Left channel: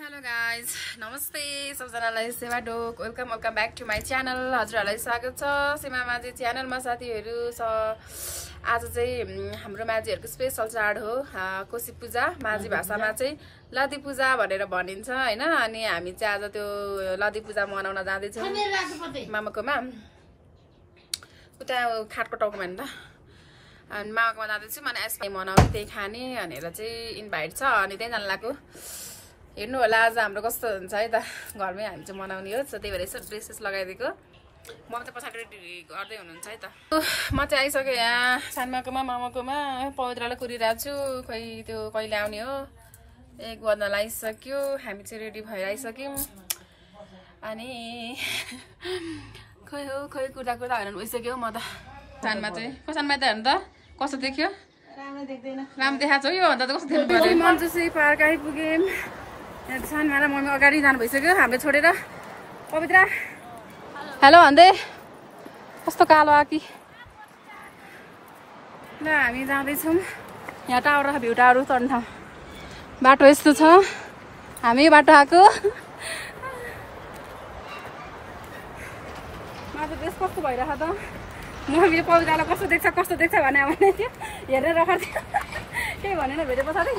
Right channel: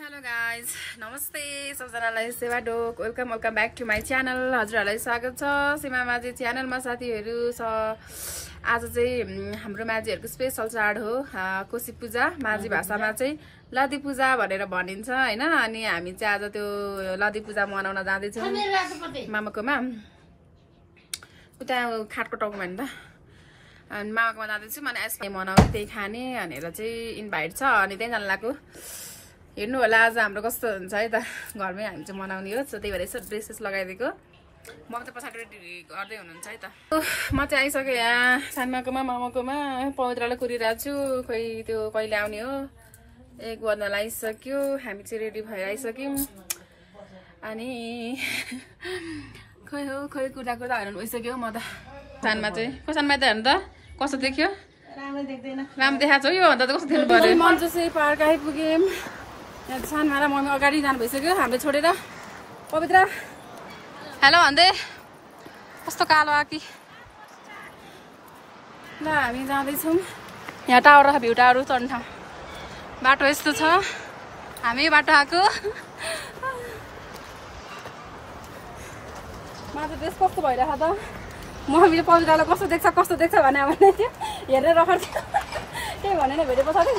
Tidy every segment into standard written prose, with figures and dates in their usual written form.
Hello guys, नमस्ते सबजनालाई सेवा डोक welcome back to my channel. हजुरहरूलाई स्वागत छ सीमा माझी च्यानलमा। साथीहरू आज चाहिँ हाम्रो माझीहरूको स्पेशल चाड हो कोशी पूजा। माझी भाषामा चाहिँ लदी पूजा भनेर भनिन्छ हैन। अनि हामी चाहिँ आज त्यो लदी पूजा मनाउन जाँदैछौँ मामाकोमा, उता खाटको टाउकोमा नि त। अनि मामाकोमा जाँदैछौँ, अनि आइसक्रिम मनाउने त्यही खाने भनेर चाहिँ इन्भाइट छ। अनि त्यही जान लाग्यो। हेर्नु होला आज हाम्रो कस्तो हुन्छ है त, घरमै हामी चाहिँ मनाउने हो। त्यही भएर यसो ड्रेसेस लगाइदिएको। म त पछाडि रेडी गर्दै हुनुहुन्छ है त। म चाहिँ आइसकेँ यहाँ सानमाकोमा मामाकोमा। पवित्रलाई कुरिरहेको छु, खोइ त्यो कहिले आउने हो। 1 बज्न लागिसक्यो, हामी चाहिँ रेडी भएर आइसक्यौँ। अनि खोइ कुर्दा हाल्नु भइसक्यो। म त सानमा चाहिँ सानमा त हेर्नु त कस्तो देख्यो, राम्रो देख्दैन, राम्रो देखाएको छ। यो भन्दा त कस्तो देख्नु पर्यो। मन्जुसी पार्क आइपुग्यौँ। सानमा र मम्मी अगाडि जानु भइसक्यो हाम्रो छोडेर। पवित्र हेलो भन्दै कस्तो कालो आकी। ल हामी जाँदैछौँ। यहाँ टावर र भ्यू टावर चढ्ने ठाउँ। बाटो यस्तो छ, हामी बाटो आएको। माथि ड्रेस कस्तो भइरहेको त। मम्मीले पवित्रलाई कस्तो देख्छ भने हेरेर रखर थियो। केही भनेन भेटे पछाडि।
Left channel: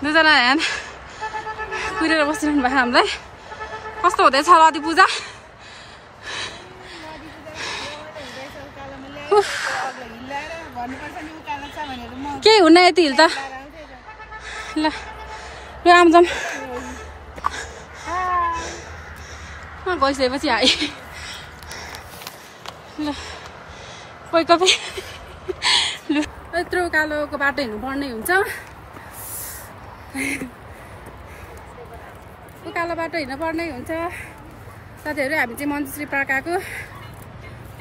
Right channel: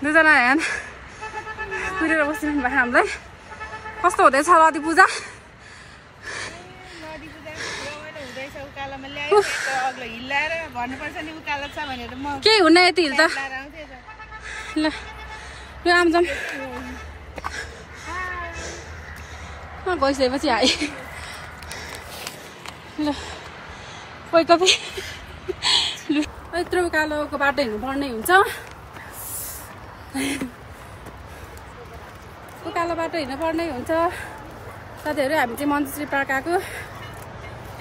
दुईजना यहाँ कुरेर बसिरहनु भयो हामीलाई। कस्तो हुँदैछ लदी पूजा? केही हुन्न यति हिल त। ल आमजाम गइसकेपछि आए। ल कोही कतै यत्रो कालोको बाटो हिँड्नु पर्ने हुन्छ। कालो बाटो हिँड्नु पर्ने हुन्छ। साथीहरू हामी चाहिँ मन्जुश्री पार्क आएको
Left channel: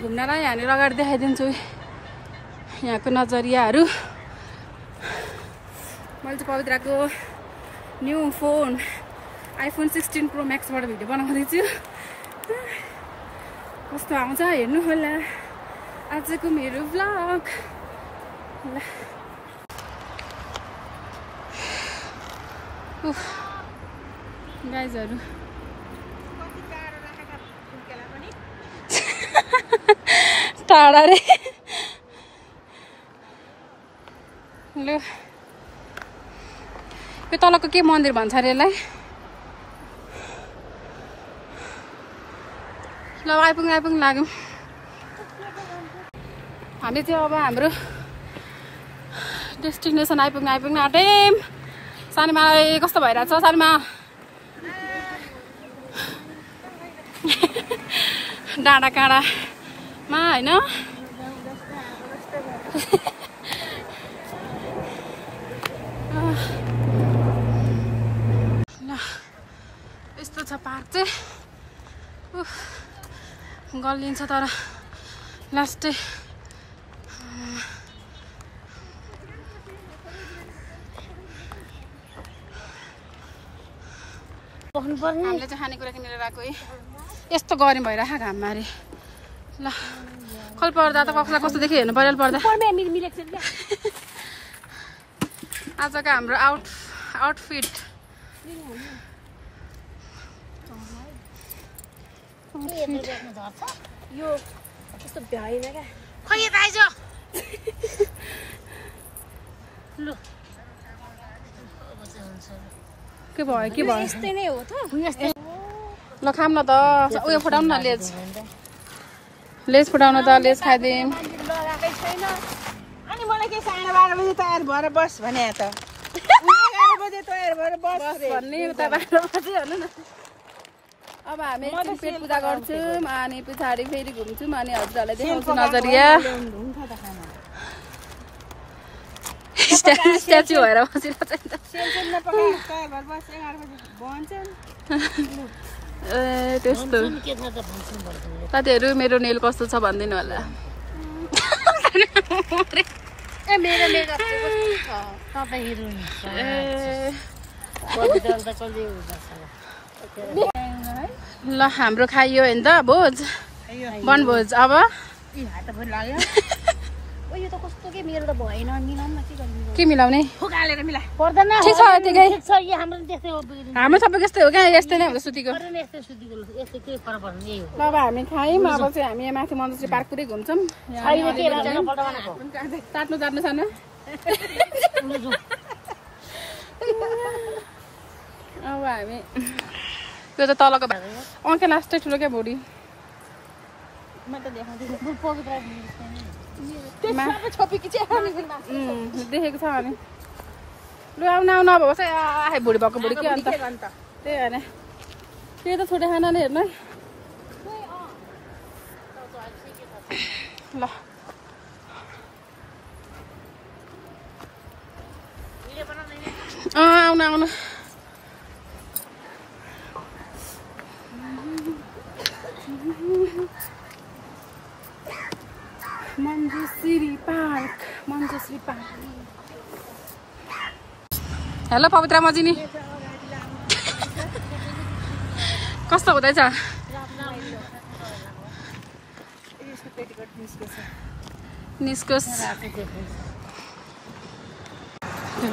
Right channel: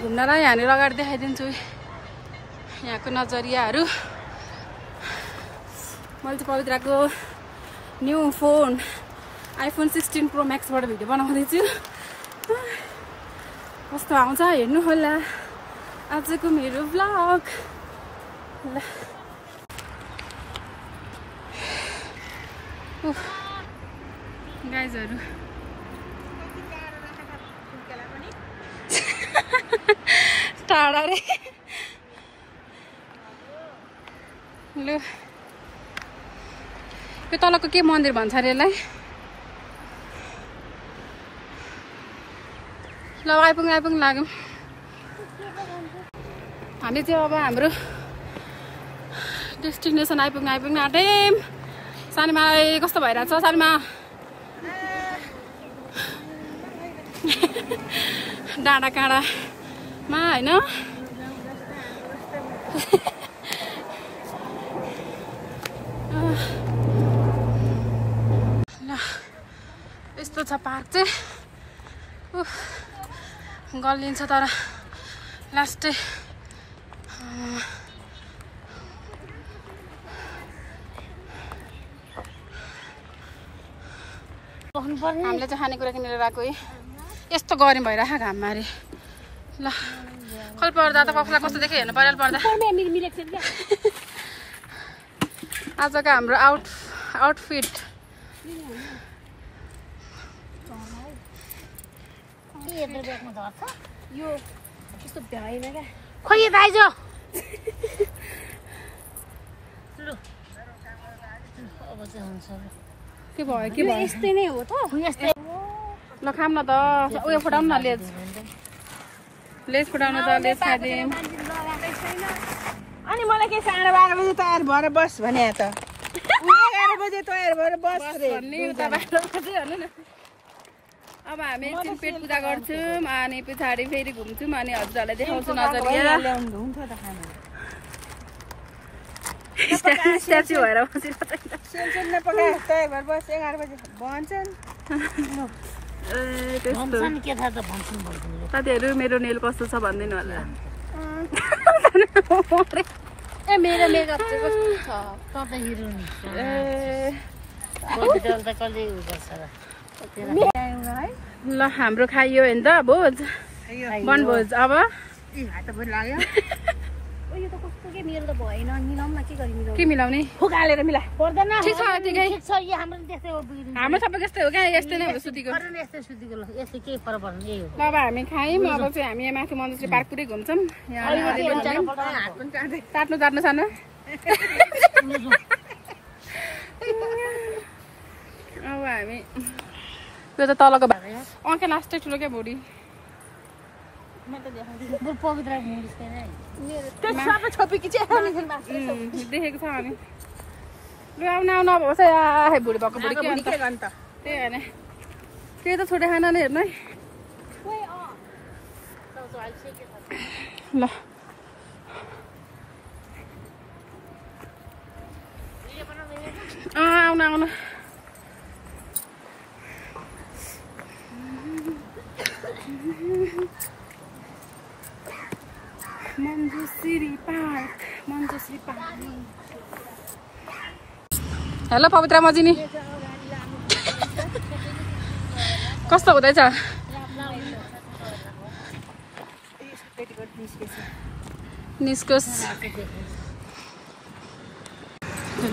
घुम्नलाई। यहाँनिर अगाडि देखाइदिन्छु यहाँको नजरियाहरू। मैले चाहिँ पवित्रको न्यू फोन iPhone 16 Pro Maxबाट भिडियो बनाउँदैछु। कस्तो आउँछ हेर्नु होला आजको मेरो भ्लग। ल गाइजहरू टाढा रे। ल यो तलको के मन्दिर भन्छ अरे यसलाई। ल आइपुग्नु लाग्यौँ हामी चाहिँ। अब हाम्रो डेस्टिनेसन आइपुग्नु आँट्यौँ। सानीमालाई कस्तो भइरहेछ सानीमा? डाँडा काँडामा होइन। ल यस्तो छ पार्क चाहिँ। गल्लिन्छ तर लास्टै हामीले चाहिँ खानेकुरा किनेर गएको है। यस्तो गरम भइरहेको घाममा अरे। ल कहिले पर्दा त कसलाई कस्तो देखि हेर्नु पर्यो पर्दा। आजको हाम्रो आउटफिट के भयो ल खाम न त। उयो फुटाउनु न लेज फुटाउनु त। लेज खाइदिउँ। अनि मलाई के 12:30 बजे तयार भएर बस भने त 11 बजे तयार भएर बस भन्ने उता बाटो बजे भन्नु न। अब हामी एकछिन पेट पूजा गर्छौँ अनि पछाडि फेरि घुम्छौँ। अनि हजुरहरूलाई देखाउँछु नजरिया। स्ट्याचु भएर बसिरहेको छ। ए त्यस्तो। साथीहरू मेरो नेल कस्तो छ भनिदिनु होला। ल हाम्रो खाइयो होइन त भोज, वनभोज। अब मेरो त भएन मिलाउँ न के गरी मिलाउँ के मिलाउने फुकालेर मिला पर्दैन के छ यतिकै छ यो हाम्रो त्यस्तै हो बिग्रिनु हाम्रो सबै यस्तै हो क्या यस्तै नै हो सुतीको पर्दैन यस्तै सुतिको ल यस्तै के फरक पर्दैन यही हो ल अब हामी खायौँ अब चाहिँ हामी यहाँ माथि मन्दिर पार्क पुरै घुम्छौँ यहाँ हामी अलिअलि घुम्यौँ चाट्नु सानो अब हामी त्यो त तलको अङ्के लास्टै ठुलो क्या भुडी देखेको छ अनि लु आउनु अब होस् है भुडी भएको भुडी के अन्त त्यही होइन त्यही त छोटे खाना नै हेर्नु है ल आउनु मञ्जुश्री पार्क हेलो पवित्रा मजिनी कस्तो हुँदैछ निस्कोस्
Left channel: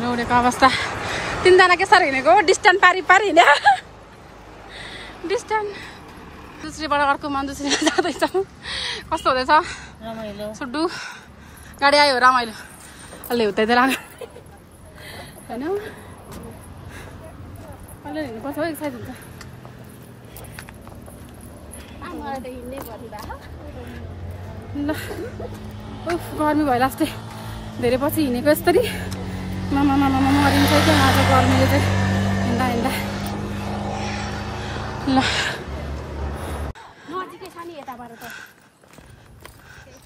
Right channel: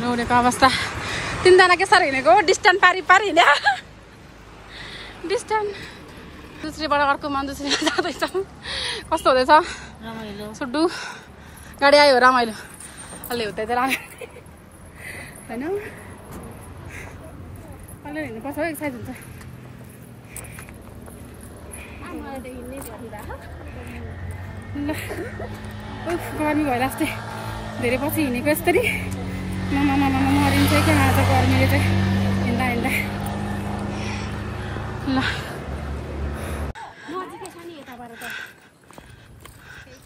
उडेको अवस्था तिनजना के साह्रो हिँडेको डिस्टेन्स पारी हिँड्यो डिस्टेन्स दुसरीबाट अर्को मन्जुश्री जाँदैछ कस्तो हुँदैछ सुड्डु गाडी आयो रमाइलो अलि हुँदै लाग्यो होइन अलि हिँड्नुपर्छ हो एक्सर्साइज हुन्छ ल उफ गर्मी भयो लास्टै धेरै पछि हिँडेको यसरी मरिन्छ क्या आज गर्मीले चाहिँ हिँड्दा ल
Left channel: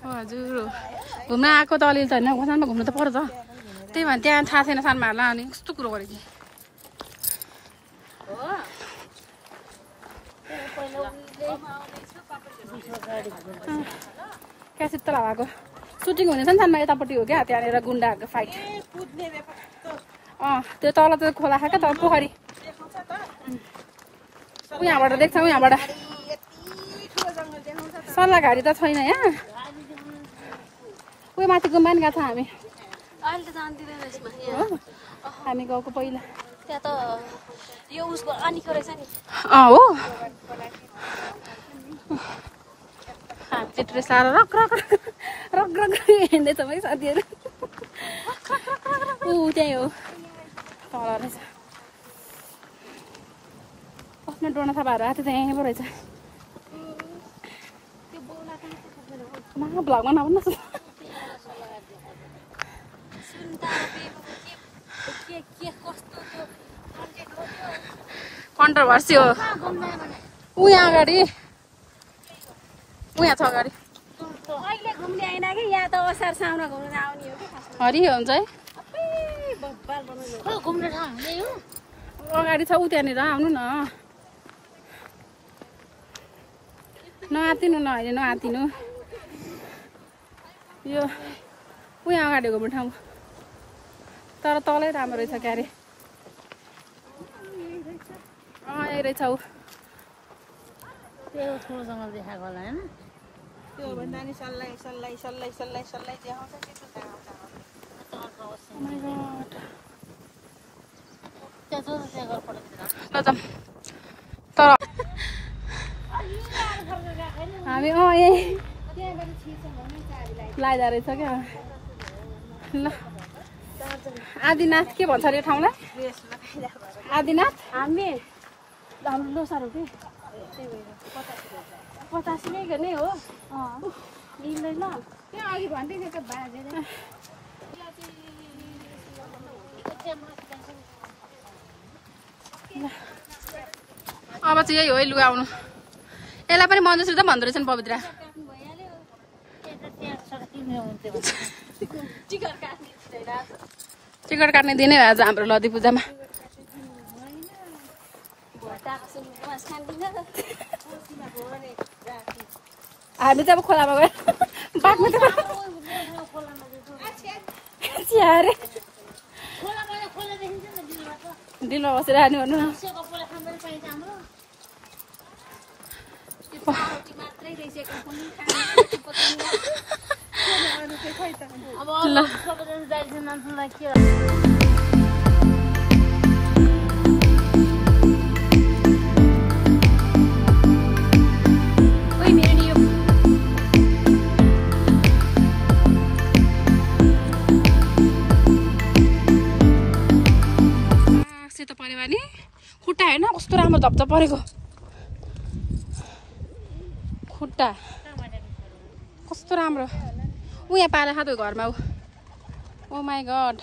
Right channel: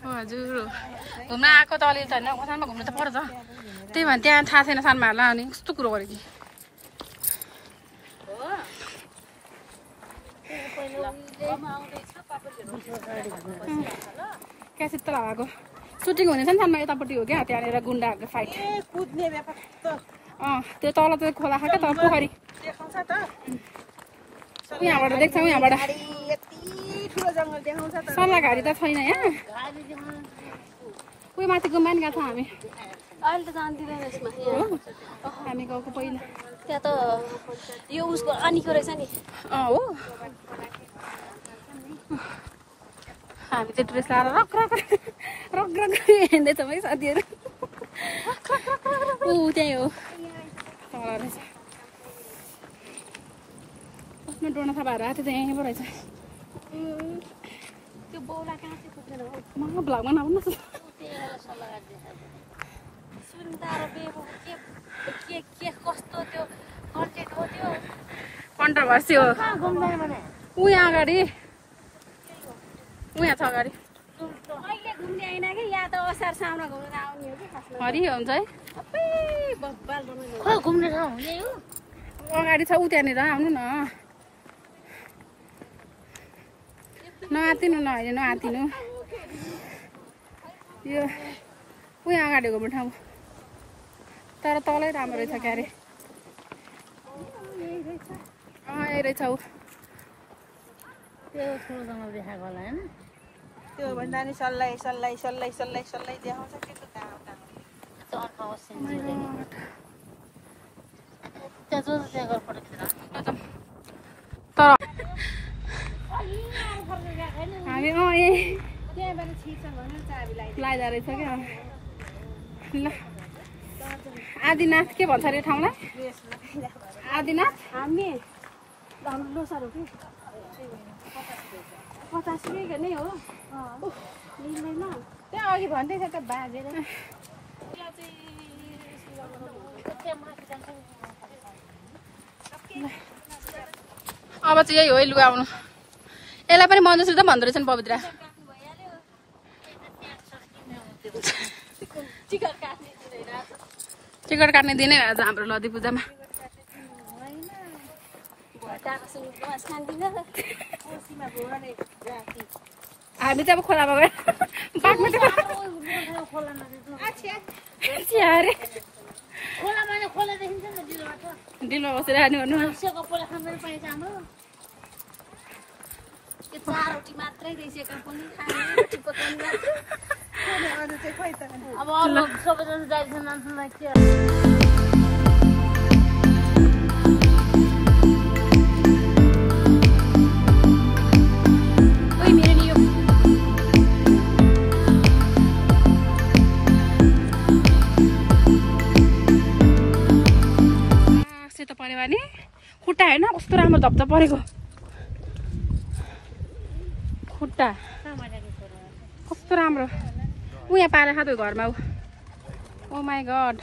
हजुर घुम्न आएको त अलिअलि छैन सानो घुम्नु त पर्छ त्यही भएर त्यहाँ थाहा छैन सानोहरूलाई अनि कस्तो कुरो गरेको क्यासेट त लगाएको सुटिङ हुने छ नि सानो यतापट्टि हो क्या त्यहाँनिर गुन्डाहरूको फाइट त्यो तल त खोला छ क्या त पोखरी यहाँबाट देख्छौँ यहाँबाट सल्लाहघारी त छैन यहाँ उयो माथि गुम्बा नि गएको छ हामी अहिले त जान्दिनँ यसमा हामी गएको पहिला त्यहाँ त यो उसको आनीको रहेछ नि हो हामी चाहिँ ड्रेस लगाएर रग हिँड्दैछौँ है साथीहरू त्यही हो तल रहेछ आफ्नो डोना थापाहरू आएको थियो यहीँ पो रहेछ भ्लगमा नभन्नु कन्ट्रोभर्सी हो ऊ यहाँ अगाडि ऊ यहाँ छ अगाडि हरियो हुन्छ है अगाडि छ ऊ त्यहाँनिर आउनु न नआतिनु न अहिले नआतिनु यो उहाँ अगाडि घुम्ने ठाउँ तर तलै राम्रो रहेछ क्यारे यही रहेछ ऊ त्यो भन्दा नि सल्लाइ देखाउँछ तर हामी यही लाइदा रहेछ क्या ल आदिनाथ के भन्छ अरे ठाउँलाई आदिनाथ हाम्रो लोसार हो कि 85 नै हो मिल्दैन त्यहाँ अघि भन्दै थियो त बाजेर अब चाहिँ यही हो है लुगा आउनु यसलाई पनि मन्जुश्री त भन्दो रहेछ नि पवित्रा टिकट काट्ने दिनै हो आज हाम्रो लदी पूजामा हामी चाहिँ अब खोलामा गयो बाघमा अरे दिनमा बसेर हाल्नु भन्नु अरू चाहिँ खोइ त ल सबैजना जाइन्छ मान्छेलाई के ओइ मेरो नि यो सेतो पऱ्यो भने खुट्टा होइन कस्तो राम्रो धप्चा परेको खुट्टा कस्तो राम्रो ऊ यहाँ पाले खाँदो घरमा ऊ ओ माई गड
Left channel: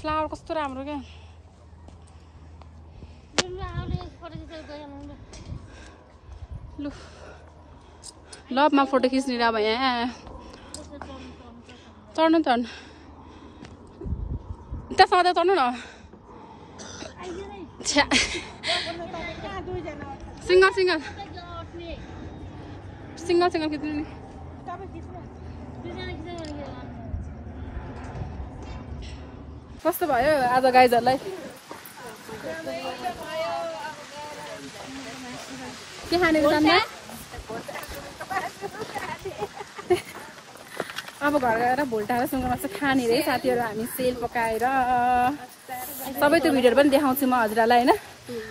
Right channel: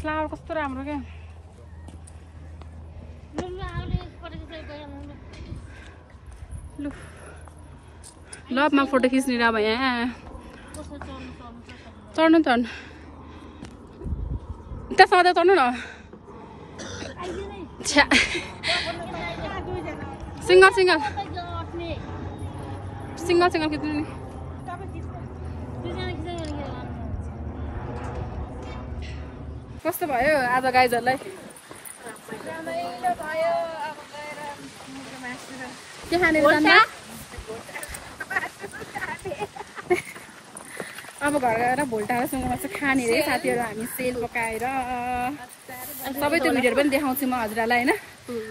फ्लावर कस्तो राम्रो क्या लु लभमा फोटो खिच्ने र अब यहाँ चढ्नु चढ्नु त्यहाँ सधैँ चढ्नु न छ्या सिङ्गल सिङ्गल सिङ्गल सिङ्गल खिच्नु नि कस्तो भयो आज गाइजहरूलाई के खाने जान्दा अब घर गएर भोल्टा र सुँगुरको मासु खाने रे साथीहरू हामी सेल पकाएर सबै त्यो भिडियोहरू पनि देखाउँछु म हजुरहरूलाई होइन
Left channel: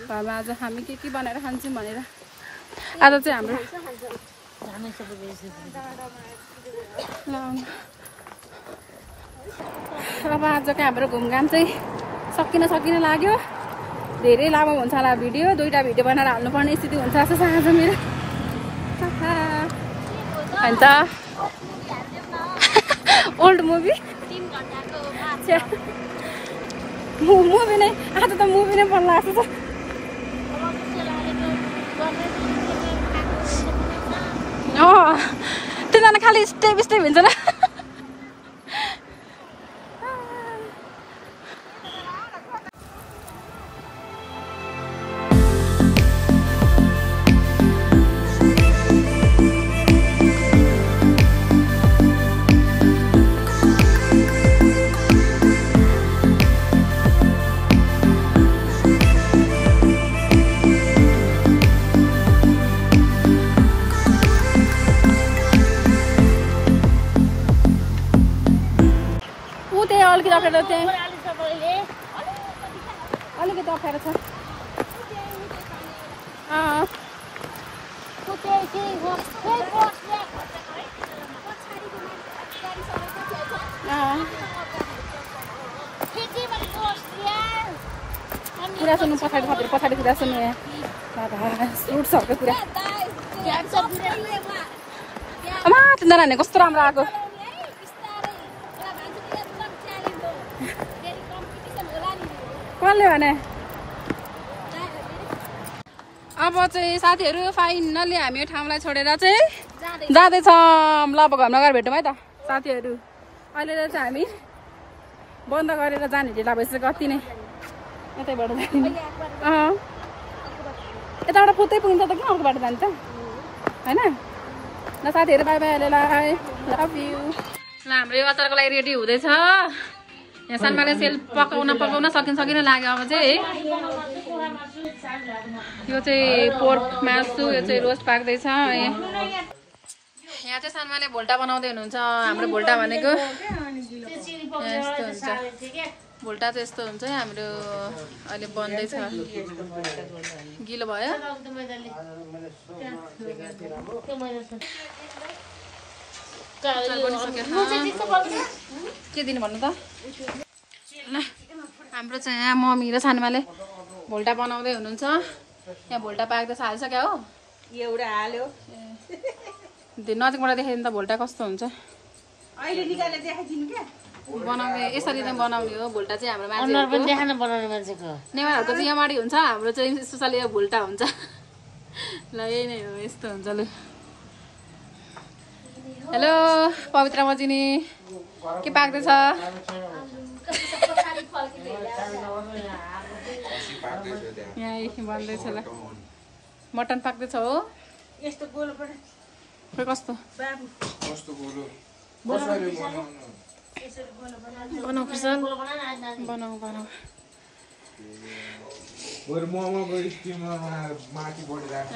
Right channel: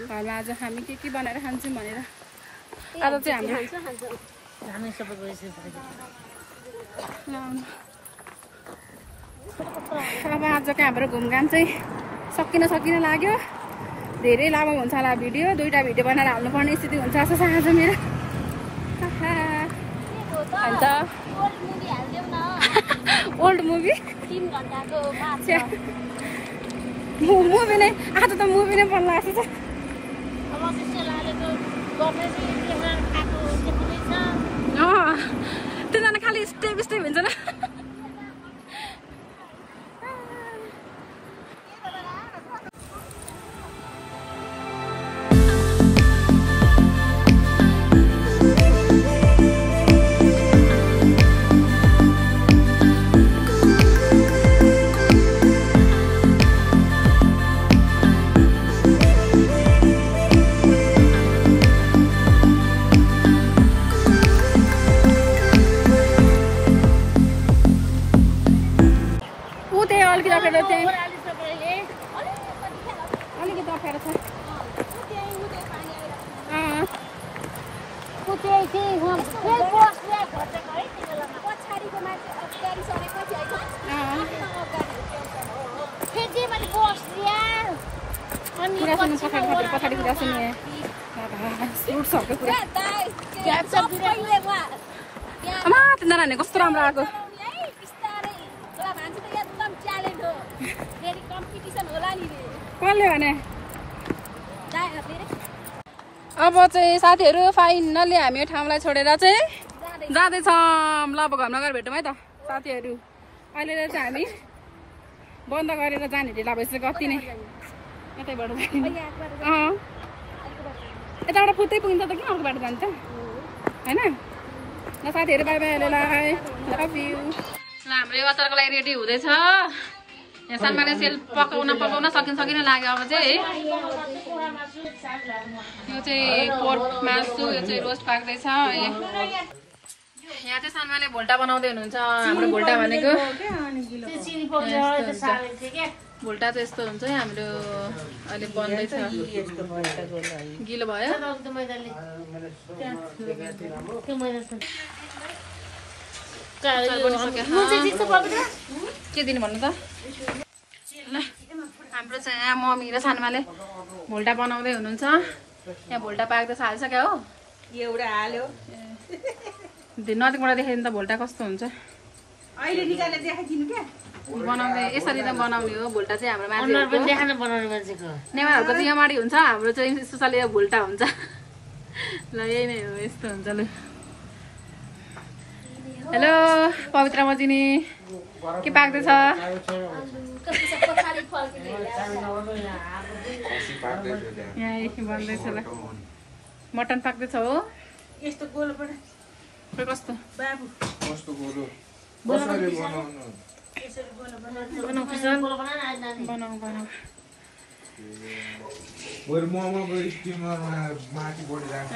घरमा आज हामी के बनाएर खान्छौँ भनेर आज चाहिँ हाम्रो अब आजको हाम्रो घुमघाम चाहिँ सकिन लाग्यो धेरै लामो हुन्छ होला भिडियो 2टा भिडियो बनाएर हाल्नुपर्ने स्थिति हुन्छ जस्तो छ आज मेरो हुन्छ ओल्ड मुभी मुभी नै आज त मुभी नै पर्ला जस्तो छ तिनजना खालि स्टेप हुन्छ न अलिकति अप्ठ्यारो छ कुरा सुन्नु पछाडि कुरा सुन्नु फ्रुट्सहरूको कुरा अमा तिनीहरू कस्तो राम्रो आएको कसले भने अब चाहिँ साथीहरू फाइनल्ली हामी यो ठाउँलाई छोडेर चाहिँ जाँदैछौँ ल अब घरमा गएर भेटौँ है त साथीहरू अहिले चाहिँ हामी बन्द गरेर जाने ढिला भइसक्यो कति नै यतैबाट जाने यताबाट पुग्दै पुगिन्छ त किन अर्को बाटो जान्छ होइन ल साथीहरू बाई बाई अहिलेलाई लभ यु ल हाम्रो यो अचारको लागि रेडी हुँदैछ यहाँ सानमाले सेल पकाउन सकिन लाग्यो अब चाहिँ यो चाहिँ पोर्क मासु यो चाहिँ रोस्ट पाक्दैछ यहाँ चाहिँ सानमाले भोल्टा बनाउँदै हुनुहुन्छ हाम्रो भोल्टा भनेको यस्तो हुन्छ भोल्टा चाहिँ यस्तो हुन्छ है हाम्रो अहिले बन्दैछ गिलो भयो अचार बनिसक्यो के दिनु भन्नु त हाम्रो चाहिँ यहाँ मम्मी र सानोमाले भोल्टा बनाउँदै हुनुहुन्छ यहाँ भोल्टा पाक्दै हालिसक्यो हो एउटा हाल्यो नजिकबाट देखाइदिनु त भोल्टा कस्तो हुन्छ अहिले निकालेर देखाइदिनु क्या बनाउने यसरी त बनाउने हो भोल्टा चाहिँ हाम्रो मान्छेको नेवारहरूको चाहिँ यहाँमाडी हुन्छ हाम्रो चाहिँ स्पेसली यो भोल्टा हुन्छ ल यही नै हो यस्तो हुन्छ ल हेलो पवित्र मजिनी के पाक्दैछ यहाँ बन्दैछ ल मटन पाक्दैछ हो यस्तो गोलो पनि कस्तो बाबु बनाऊ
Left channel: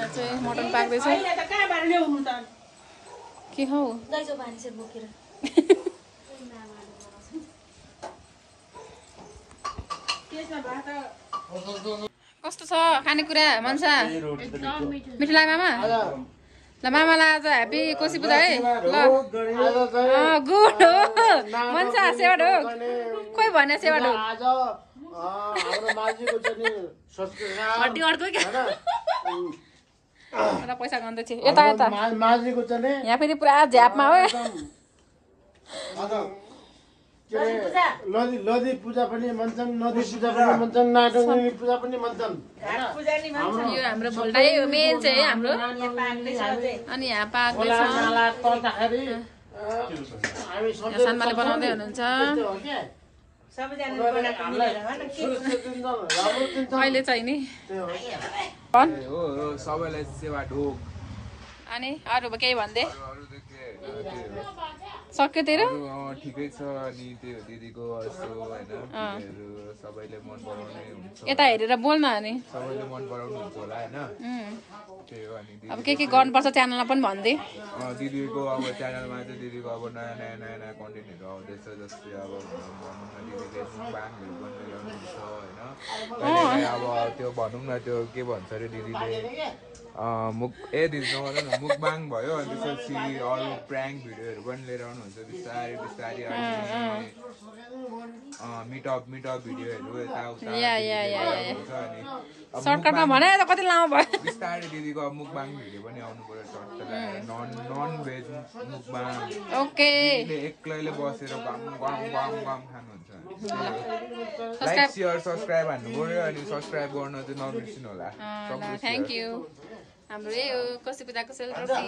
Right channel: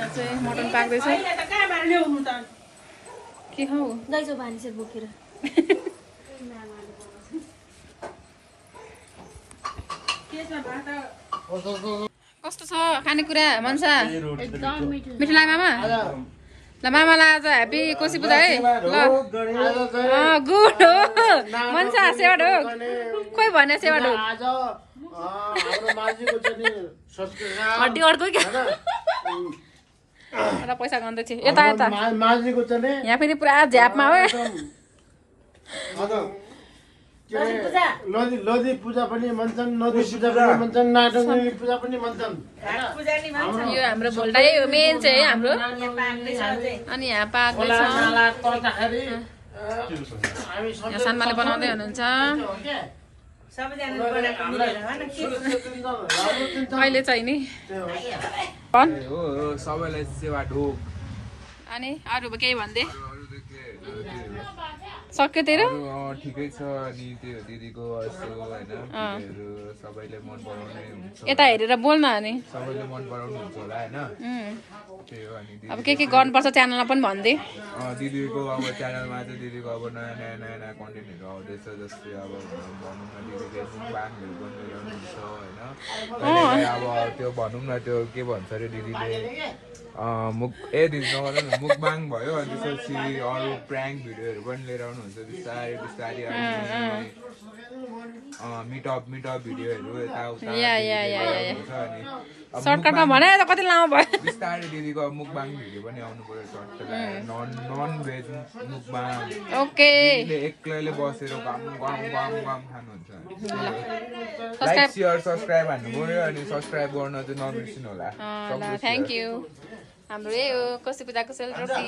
चाहिँ मटन पाक्दैछ कहाँबाट ल्याउनु त के हौ लैजाऊ भान्से बोकेर कस्तो छ खानेकुरा मनसा एकदम मिठो मिठो लाग्यो मामा ल मामालाई आज ह्याप्पी कोशी पूजा है ल गुड हो मनसा सेवा ढोक खोइ भने सेवा ढोक हड्डी अड्को क्या पैसा गन्दै थियो यता यता यहाँ फेरि पुरा झ्यापमा हो लोधी पूजा पनि भन्छन् नदी पूजा पनि भन्छन् नाटङ्गी पूजा पनि भन्छन् यो हाम्रो भोल्टाइ हो मेन चाहिँ है हाम्रो अनि यहाँ पाक्दैछ यहाँ सानमाले बनाउँदै हुनुहुन्छ अहिले चाहिँ नि सबैलाई सेवा ढोक अनि अरू केही भन्दै सक्यो तेरो ठिकै छ अनि त्यो दिदीको यसो होइन सबैले मन पराउने हुन्छ यता हेरेर बोल्न अनि सबैले मन पराउनु हुन्छ होला होइन त्यही हो अनि अब के गर्नुपर्छ च्यानलमा पनि भन्दै दिदीको अब च्यानलमा चाहिँ दिदीको अब नयाँ नयाँ कन्टेन्टहरू आउँदैछ जस्तै अब भनौँ न दिदीले मुखबाङहरू पनि ल्याउनुहुन्छ होइन अब त्यो भनौँ न त्यो के भन्छ अरे दिदीले दिदी नगर न मुखबाङ भयो अनि त्यसपछि अरू प्र्याङ्क भिडियोहरू पनि लिएर आउनुहुन्छ बिस्तारै बिस्तारै मिटअप भिडियोहरू यताउता अनि सर्टकटमा भने त कति लामो भयो बिस्तारै दिदीको मुखबाङ भिडियो पनि आउनु पर्यो नन भेज मुखबाङ ओके एक्लैले बसेर गम खानुहुन्छ लाइक सेयर सब्सक्राइब हान्नु पर्यो अनि सब्सक्राइब गर्न चाहिँ नबिर्सिनु होला थ्याङ्क यू हाम्रो यही हो कोशी पूजाको सेलरोटी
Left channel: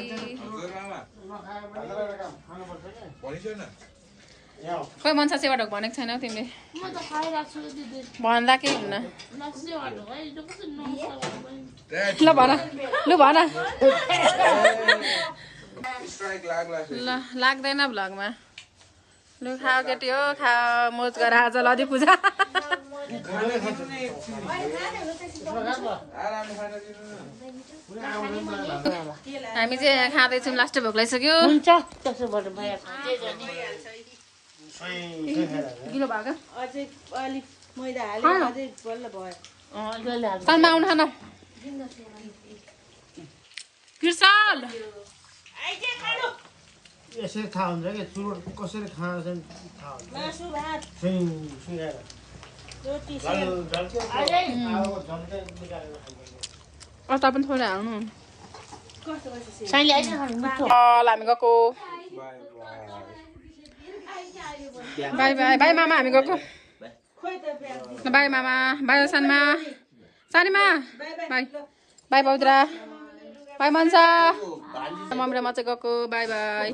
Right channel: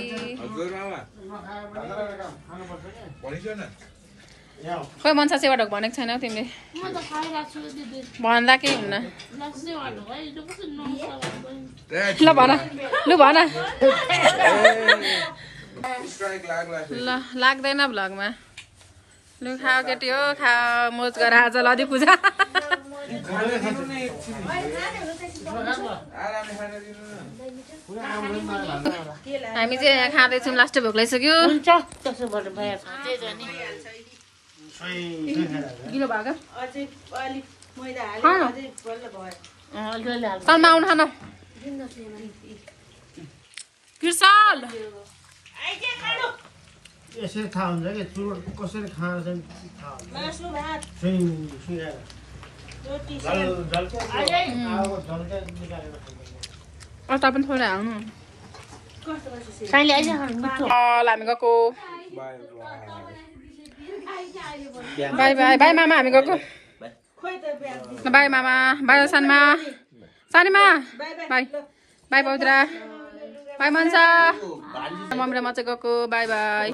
खोइ मनसा सेवा ढोक भनेको छैनौ तिमीले म त खाइरहेको छु दिदी भन्दा केही हुन्न सेवा ढोक है यो कस्तो नमस्कार ल भन लु भन ल लाग्दैन भ्लगमा लु खाऊ केटी हो खा मोज गर आज लदी पूजा हामी चाहिँ यहाँ खाँदैछौँ लास्टै भोक लागिसक्यो गिलो भएको तलमा आउनु खान कृषल यसरी थाहा हुन्छ कि कसरी खान्छ अचार पनि थोरै हाल्नु हामी गएको बाई बाई बाई मामा हामी गएको बाई मामा बाई सानमा सानीमा बाई बाई पौत्रा बाई मन्सा मम्मी र म चाहिँ गएको बाई बाई